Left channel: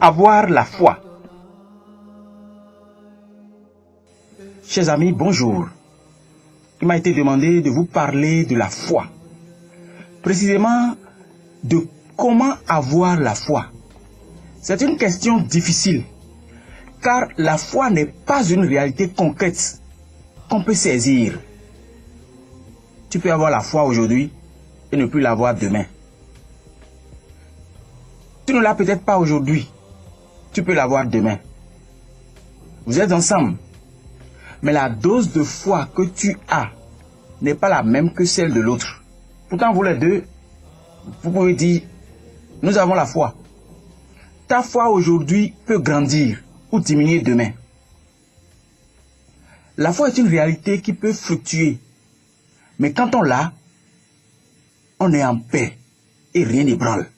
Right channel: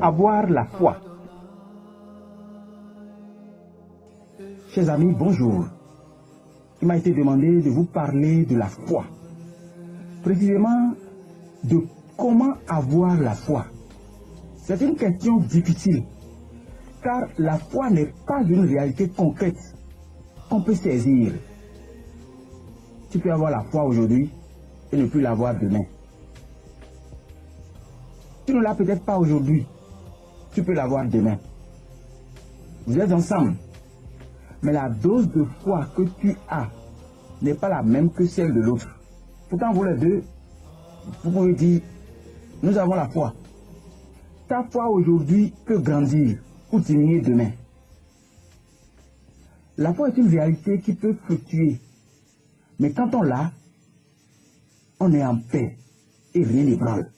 avoir la foi? Chers amis, bonjour. Il m'a été demandé de vous parler de la foi. Précisément, de comment avoir la foi. C'est une question difficile, car la foi n'est pas une réalité concrète qu'on peut saisir. Tu peux avoir la foi aujourd'hui et ne plus l'avoir demain. Tu ne l'as peut-être pas aujourd'hui, tu peux l'avoir demain. Vous êtes ensemble, mais la dose de foi que tu as n'est pas la même que celle de l'autre. Pourtant, vous les deux, vous pouvez dire, nous avons la foi. Ta foi aujourd'hui peut grandir ou diminuer demain. La foi est une réalité qui peut fluctuer. Mais quand on l'a, on est en paix et rien n'ébranle.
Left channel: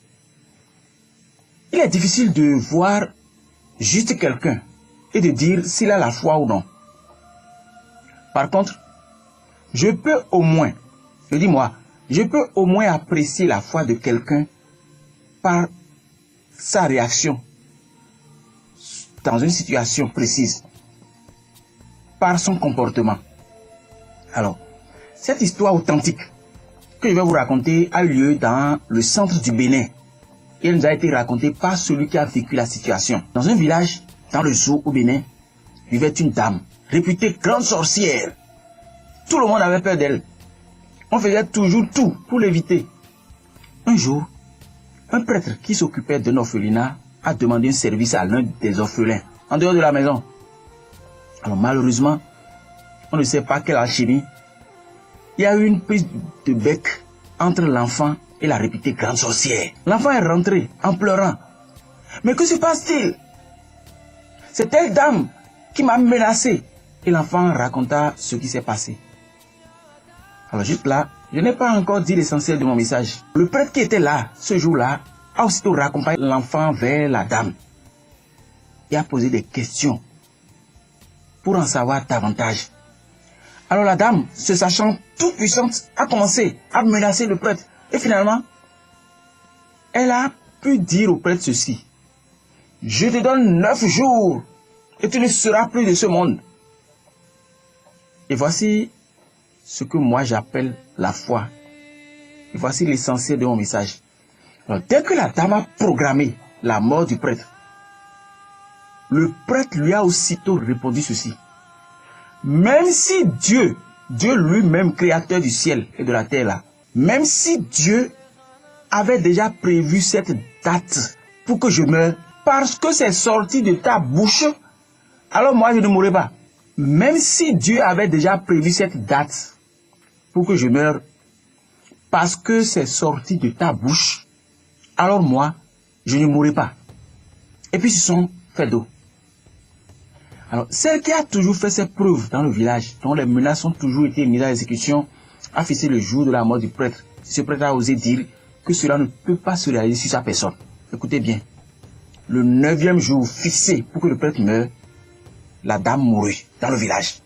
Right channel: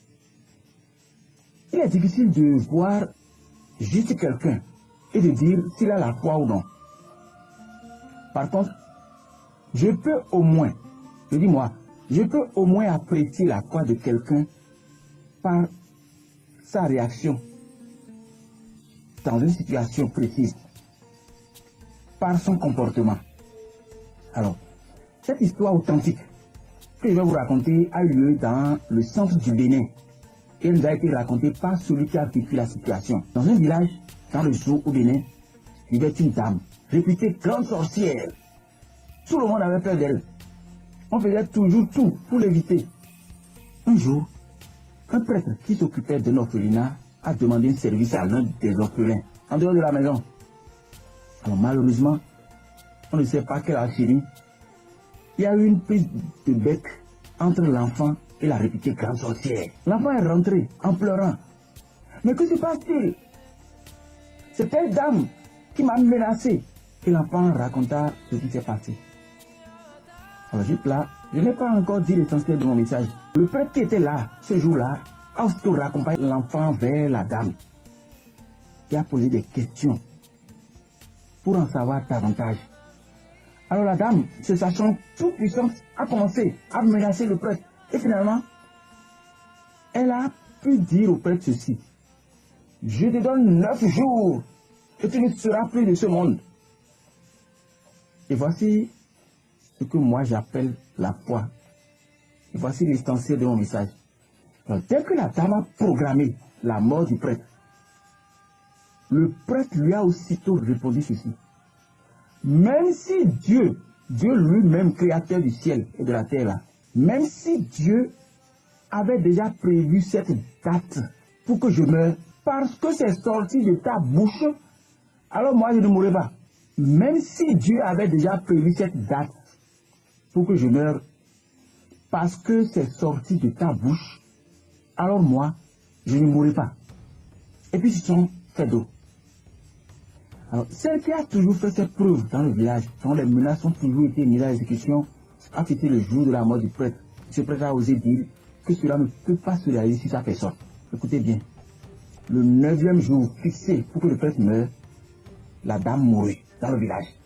Il est difficile de voir juste quelqu'un et de dire s'il a la foi ou non. Par contre, je peux au moins apprécier la foi de quelqu'un par sa réaction dans une situation précise, par son comportement. Alors, cette histoire authentique que je vais vous raconter a eu lieu dans le centre du Bénin. Et elle nous a été racontée par celui qui a vécu la situation. Dans un village, dans le zoo au Bénin, vivait une dame, réputée grande sorcière. Tout le monde avait peur d'elle. On faisait toujours tout pour l'éviter. Un jour, un prêtre qui s'occupait d'un orphelinat a demandé un service à l'un des orphelins, en dehors de la maison. Alors malheureusement, on ne sait pas quelle alchimie. Il y a eu une prise de bec entre l'enfant et la réputée grande sorcière. L'enfant est rentré en pleurant. Mais que se passe-t-il? C'est telle dame qui m'a menacé. Et l'enfant raconta ce qui s'est passé. Alors juste là, je n'ai pas encore dit l'essentiel de mon message. Le prêtre qui était là, ce jour-là, a aussitôt raccompagné l'enfant vers la dame. Il a posé des questions pour en savoir davantage. Alors la dame, se sachant toute puissante, a commencé à menacer le prêtre. Et finalement, elle a pu dire au prêtre ceci. Je te donne 9 jours et tu ne seras plus de ce monde. Et voici ce que moi j'appelle la foi. Et voici l'essentiel de mon message. Alors, dès que la dame a programmé la mort du prêtre, le prêtre lui a aussitôt répondu ceci. Même si Dieu lui-même, créateur du ciel et de la terre là, même si Dieu avait déjà prévu cette date pour que je meure, parce que c'est sorti de ta bouche, alors moi je ne mourrai pas. Même si Dieu avait déjà prévu cette date pour que je meure, parce que c'est sorti de ta bouche, alors moi je ne mourrai pas. Et puis ce sont faits d'eau. Alors, celle qui a toujours fait ses preuves dans le village, dont les menaces ont toujours été mises à exécution, a fixé le jour de la mort du prêtre. Ce prêtre a osé dire que cela ne peut pas se réaliser sur sa personne. Écoutez bien, le 9e jour fixé pour que le prêtre meure, la dame mourut dans le village.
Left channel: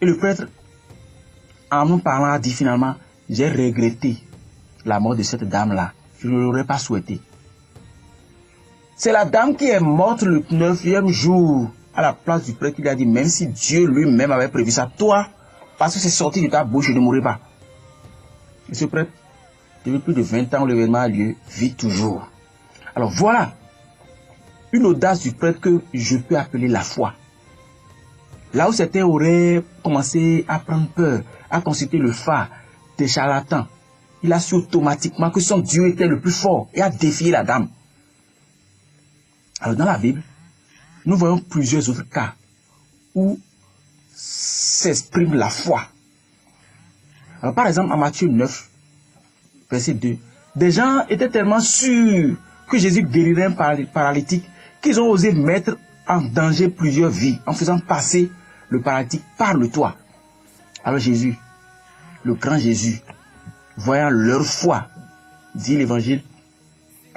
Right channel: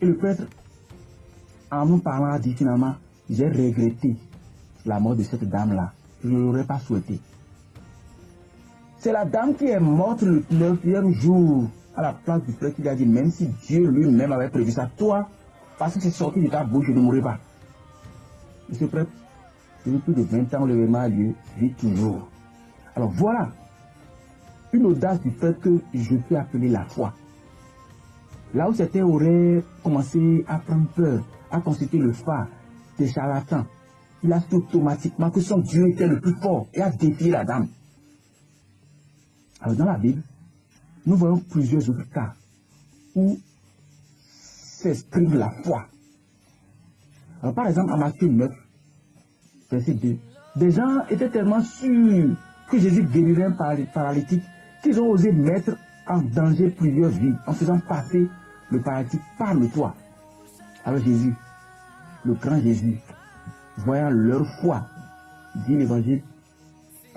Et le prêtre, en nous parlant, a dit finalement, j'ai regretté la mort de cette dame-là. Je ne l'aurais pas souhaité. C'est la dame qui est morte le 9e jour à la place du prêtre qui lui a dit, même si Dieu lui-même avait prévu ça, toi, parce que c'est sorti de ta bouche, je ne mourrai pas. Et ce prêtre, depuis plus de 20 ans où l'événement a lieu, vit toujours. Alors voilà une audace du prêtre que je peux appeler la foi. Là où certains auraient commencé à prendre peur, à consulter le phare des charlatans, il a su automatiquement que son Dieu était le plus fort et a défié la dame. Alors dans la Bible, nous voyons plusieurs autres cas où s'exprime la foi. Alors, par exemple, en Matthieu 9, verset 2, des gens étaient tellement sûrs que Jésus guérirait un paralytique qu'ils ont osé mettre en danger plusieurs vies en faisant passer le paralytique par le toit. Alors Jésus, le grand Jésus, voyant leur foi, dit l'évangile,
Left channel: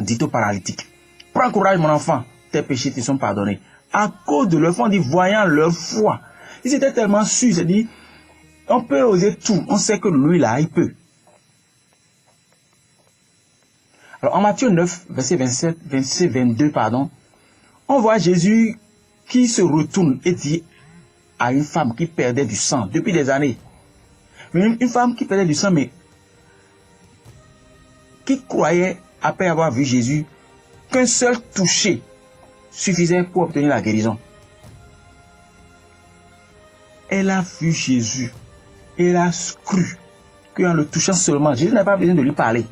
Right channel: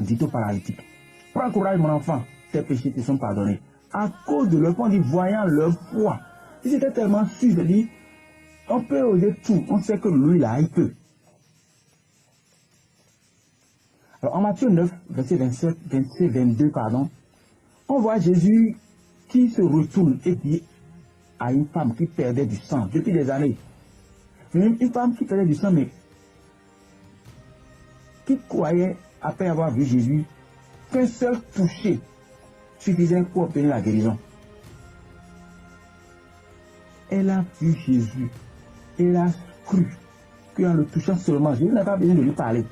dit au paralytique, prends courage mon enfant, tes péchés te sont pardonnés. À cause de leur foi, on dit, voyant leur foi. Ils étaient tellement sûrs, ils se disent, on peut oser tout, on sait que lui là, il peut. Alors en Matthieu 9, verset 22, On voit Jésus qui se retourne et dit à une femme qui perdait du sang depuis des années. Une femme qui perdait du sang, mais qui croyait, après avoir vu Jésus, qu'un seul toucher suffisait pour obtenir la guérison. Elle a vu Jésus. Elle a cru qu'en le touchant seulement, Jésus n'a pas besoin de lui parler,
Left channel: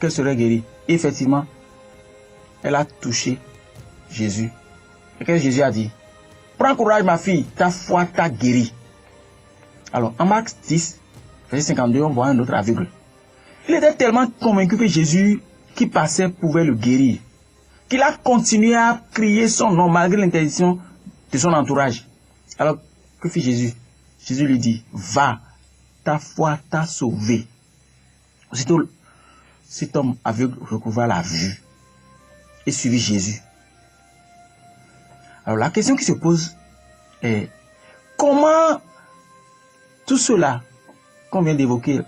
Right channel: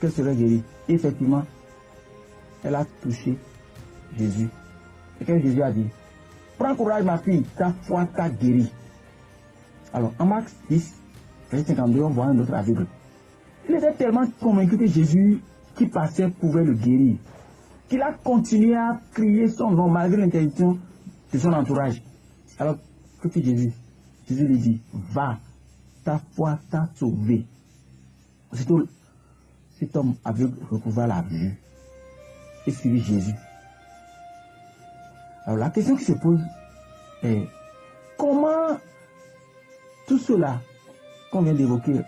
qu'elle serait guérie. Et effectivement, elle a touché Jésus. Et qu'est-ce que Jésus a dit? Prends courage, ma fille, ta foi t'a guérie. Alors, en Marc 10, verset 52, on voit un autre aveugle. Il était tellement convaincu que Jésus qui passait pouvait le guérir, qu'il a continué à crier son nom malgré l'interdiction de son entourage. Alors, que fit Jésus? Jésus lui dit, va, ta foi t'a sauvé. Aussitôt, cet homme aveugle recouvra la vue et suivit Jésus. Alors, la question qui se pose est, comment tout cela qu'on vient d'évoquer,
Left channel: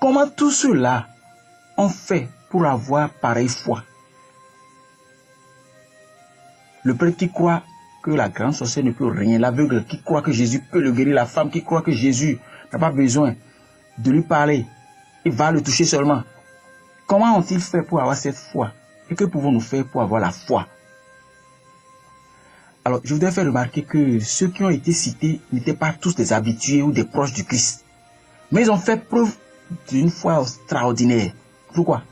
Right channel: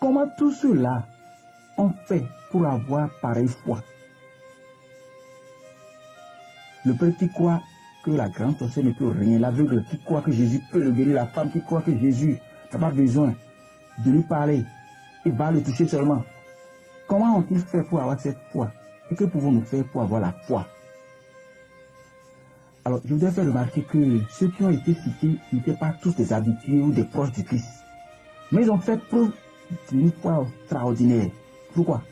comment tout cela ont fait pour avoir pareille foi? Le prêtre qui croit que la grande sorcière ne peut rien, l'aveugle qui croit que Jésus peut le guérir, la femme qui croit que Jésus n'a pas besoin de lui parler, il va le toucher seulement. Comment ont-ils fait pour avoir cette foi? Et que pouvons-nous faire pour avoir la foi? Alors, je voudrais faire remarquer que ceux qui ont été cités n'étaient pas tous des habitués ou des proches du Christ. Mais ils ont fait preuve d'une foi extraordinaire. Pourquoi?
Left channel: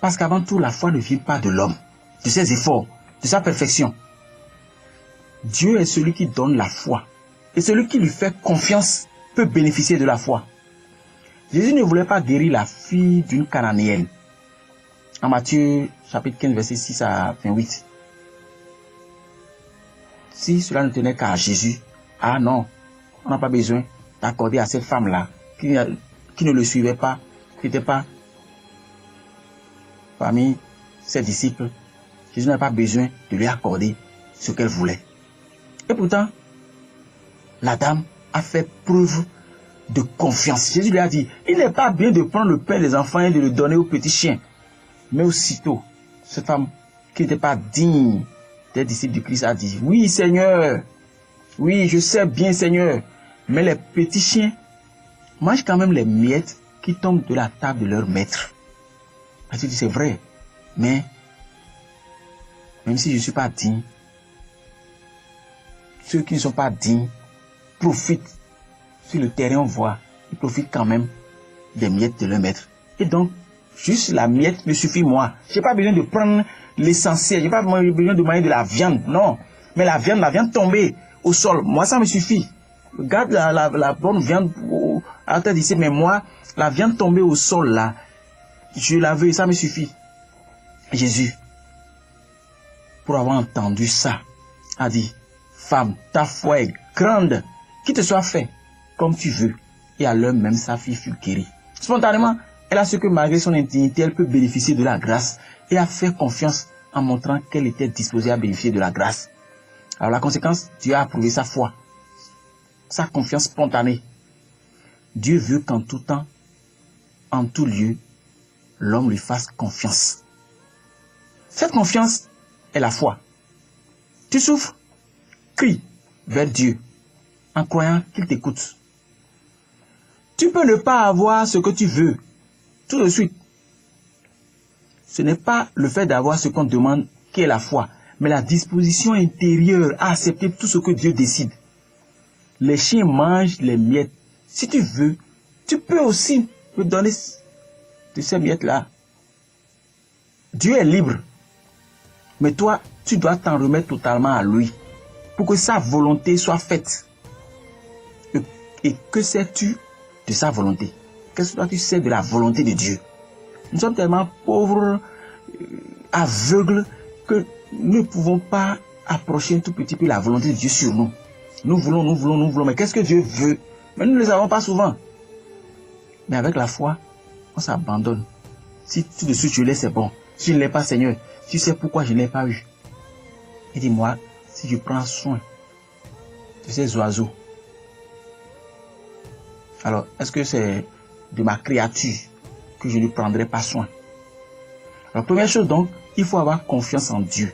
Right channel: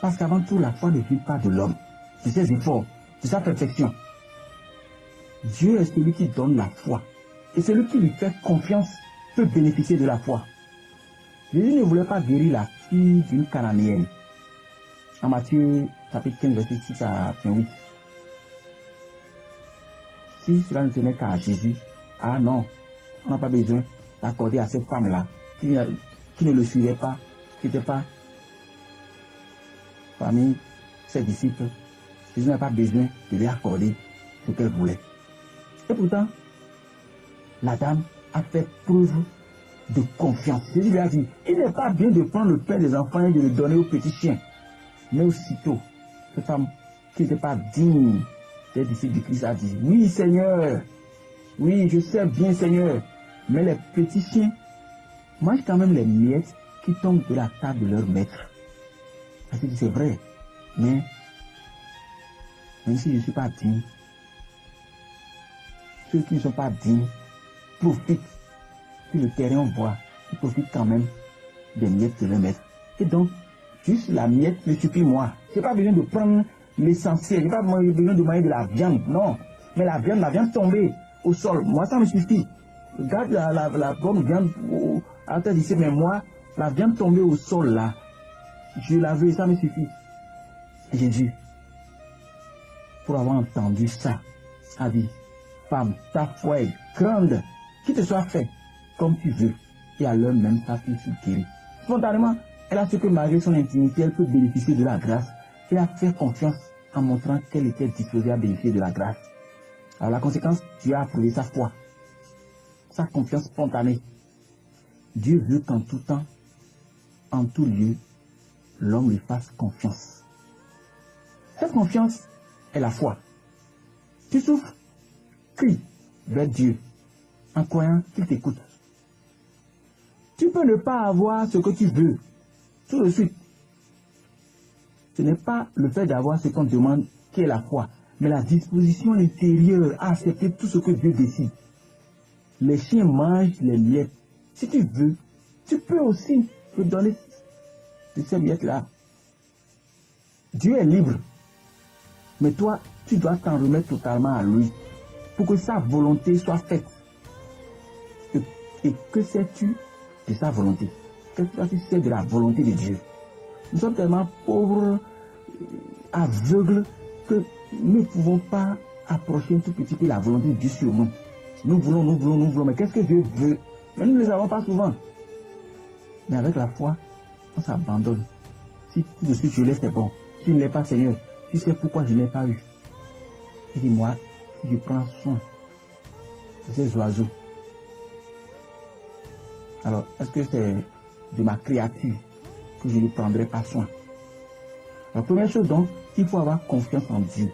Parce qu'avant tout, la foi ne vient pas de l'homme, de ses efforts, de sa perfection. Dieu est celui qui donne la foi. Et celui qui lui fait confiance peut bénéficier de la foi. Jésus ne voulait pas guérir la fille d'une Cananéenne. En Matthieu chapitre 15, verset 6 à 28. Si cela ne tenait qu'à Jésus, ah non, on n'a pas besoin d'accorder à cette femme-là, qui ne le suivait pas, qui n'était pas parmi ses disciples. Jésus n'a pas besoin de lui accorder ce qu'elle voulait. Et pourtant, la dame a fait preuve de confiance. Jésus lui a dit, il n'est pas bien de prendre le pain des enfants et de le donner aux petits chiens. Mais aussitôt, cette femme qui n'était pas digne des disciples du Christ a dit, oui Seigneur, oui je sais bien Seigneur, mais les petits chiens mangent quand même les miettes qui tombent de la table de leur maître. Elle dit, c'est vrai, mais même si je ne suis pas digne, ceux qui ne sont pas dignes profitent. Sur le terrain, on voit, ils profitent quand même des miettes de leur maître. Et donc, juste la miette me suffit moi. Je n'ai pas besoin de prendre l'essentiel. Je n'ai pas besoin de manger de la viande. Non. Mais la viande tombée au sol, moi, ça me suffit. Regarde la bonne viande à la tête d'ici. Mais moi, la viande tombée au sol, là, je la veux, ça me suffit. Jésus, pour avoir entendu ça, a dit, femme, ta foi est grande, qu'il te soit fait comme tu veux. Et à l'heure même, sa fille fut guérie. Spontanément, elle a su que malgré son indignité, elle peut bénéficier de la grâce et a fait confiance en montrant qu'elle était disposée à bénéficier de la grâce. Alors la conséquence, Dieu a approuvé sa foi, sa confiance spontanée. Dieu veut qu'en tout temps, en tout lieu, l'homme lui fasse confiance. Cette confiance est la foi. Tu souffres? Crie vers Dieu en croyant qu'il t'écoute. Tu peux ne pas avoir ce que tu veux tout de suite. Ce n'est pas le fait d'avoir ce qu'on demande qui est la foi, mais la disposition intérieure à accepter tout ce que Dieu décide. Les chiens mangent les miettes. Si tu veux, tu peux aussi me donner de ces miettes-là. Dieu est libre. Mais toi, tu dois t'en remettre totalement à lui pour que sa volonté soit faite. Et que sais-tu de sa volonté? Qu'est-ce que tu sais de la volonté de Dieu? Nous sommes tellement pauvres, aveugles, que nous ne pouvons pas approcher un tout petit peu la volonté de Dieu sur nous. Nous voulons. Mais qu'est-ce que Dieu veut? Mais nous ne le savons pas souvent. Mais avec la foi, on s'abandonne. Si tout de suite je l'ai, c'est bon. Si je ne l'ai pas, Seigneur, tu sais pourquoi je ne l'ai pas eu. Et dis-moi, si je prends soin de ces oiseaux, alors est-ce que c'est de ma créature que je ne prendrai pas soin? La première chose donc, il faut avoir confiance en Dieu.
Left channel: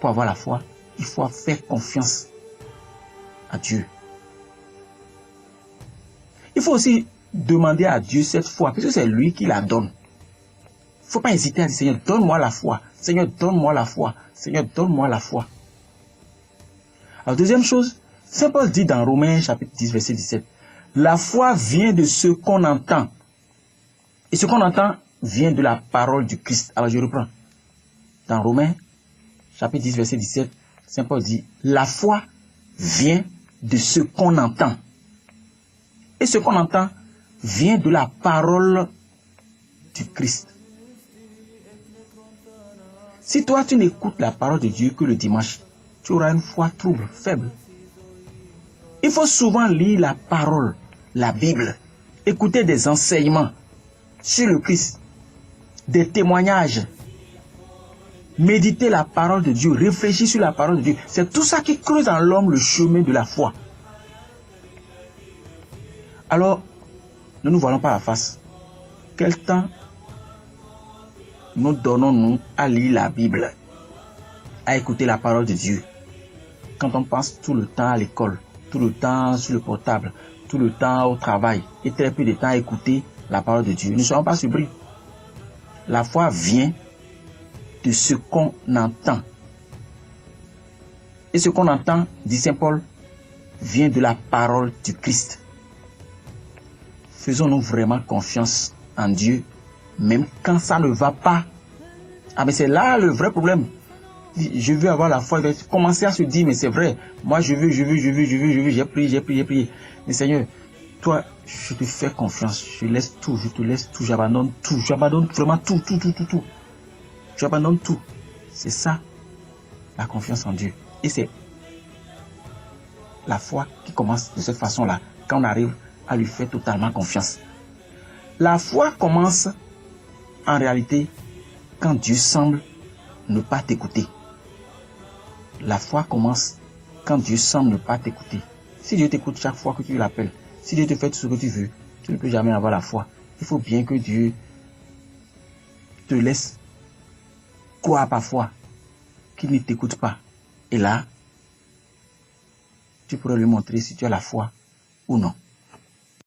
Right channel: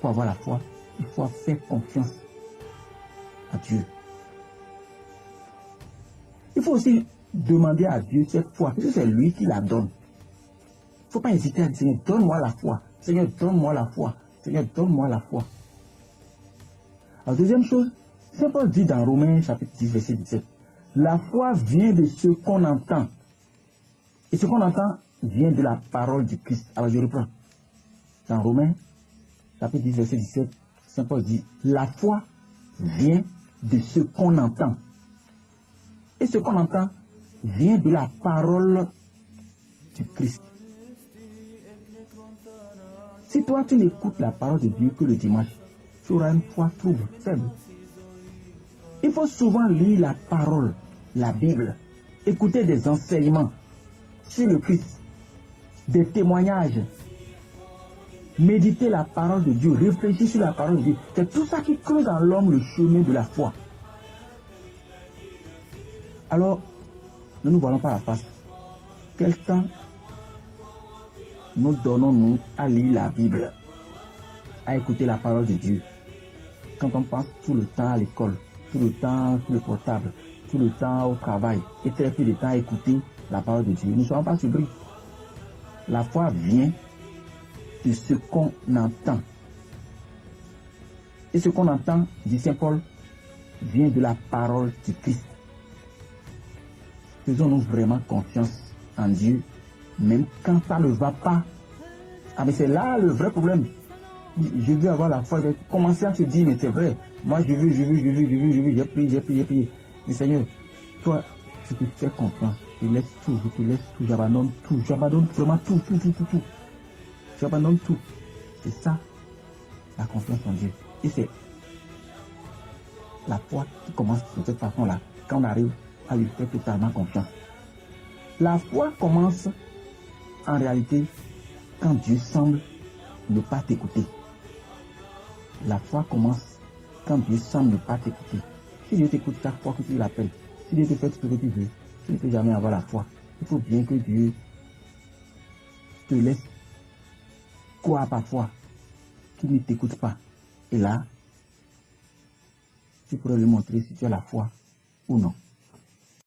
Pour avoir la foi, il faut faire confiance à Dieu. Il faut aussi demander à Dieu cette foi, puisque c'est lui qui la donne. Il ne faut pas hésiter à dire, Seigneur, donne-moi la foi. Seigneur, donne-moi la foi. Seigneur, donne-moi la foi. Alors, deuxième chose, Saint Paul dit dans Romains chapitre 10, verset 17, la foi vient de ce qu'on entend. Et ce qu'on entend vient de la parole du Christ. Alors, je reprends. Dans Romains chapitre 10, verset 17, Saint Paul dit, la foi vient de ce qu'on entend. Et ce qu'on entend vient de la parole du Christ. Si toi, tu n'écoutes la parole de Dieu que le dimanche, tu auras une foi trouble, faible. Il faut souvent lire la parole, la Bible, écouter des enseignements sur le Christ, des témoignages, méditer la parole de Dieu, réfléchir sur la parole de Dieu. C'est tout ça qui creuse en l'homme le chemin de la foi. Alors, ne nous voilons pas la face. Quel temps nous donnons-nous à lire la Bible, à écouter la parole de Dieu, quand on passe tout le temps à l'école, tout le temps sur le portable, tout le temps au travail, et très peu de temps à écouter la parole de Dieu? Ne soyons pas surpris. La foi vient de ce qu'on entend. Et ce qu'on entend, dit Saint Paul, vient de la parole du Christ. Faisons-nous vraiment confiance en Dieu, même quand ça ne va pas. Ah, mais c'est là le vrai problème. Je veux avoir la foi. Commencer à se dire, mais c'est vrai, moi je veux, j'ai prié. Mais Seigneur, toi, je te fais confiance, je laisse tout, je te laisse tout, j'abandonne vraiment tout. J'abandonne tout. C'est ça, la confiance en Dieu. Et c'est la foi qui commence de cette façon-là, quand on arrive à lui faire totalement confiance. La foi commence en réalité quand Dieu semble ne pas t'écouter. La foi commence quand Dieu semble ne pas t'écouter. Si Dieu t'écoute chaque fois que tu l'appelles, si Dieu te fait tout ce que tu veux, tu ne peux jamais avoir la foi. Il faut bien que Dieu te laisse croire parfois qu'il ne t'écoute pas. Et là, tu pourrais lui montrer si tu as la foi ou non.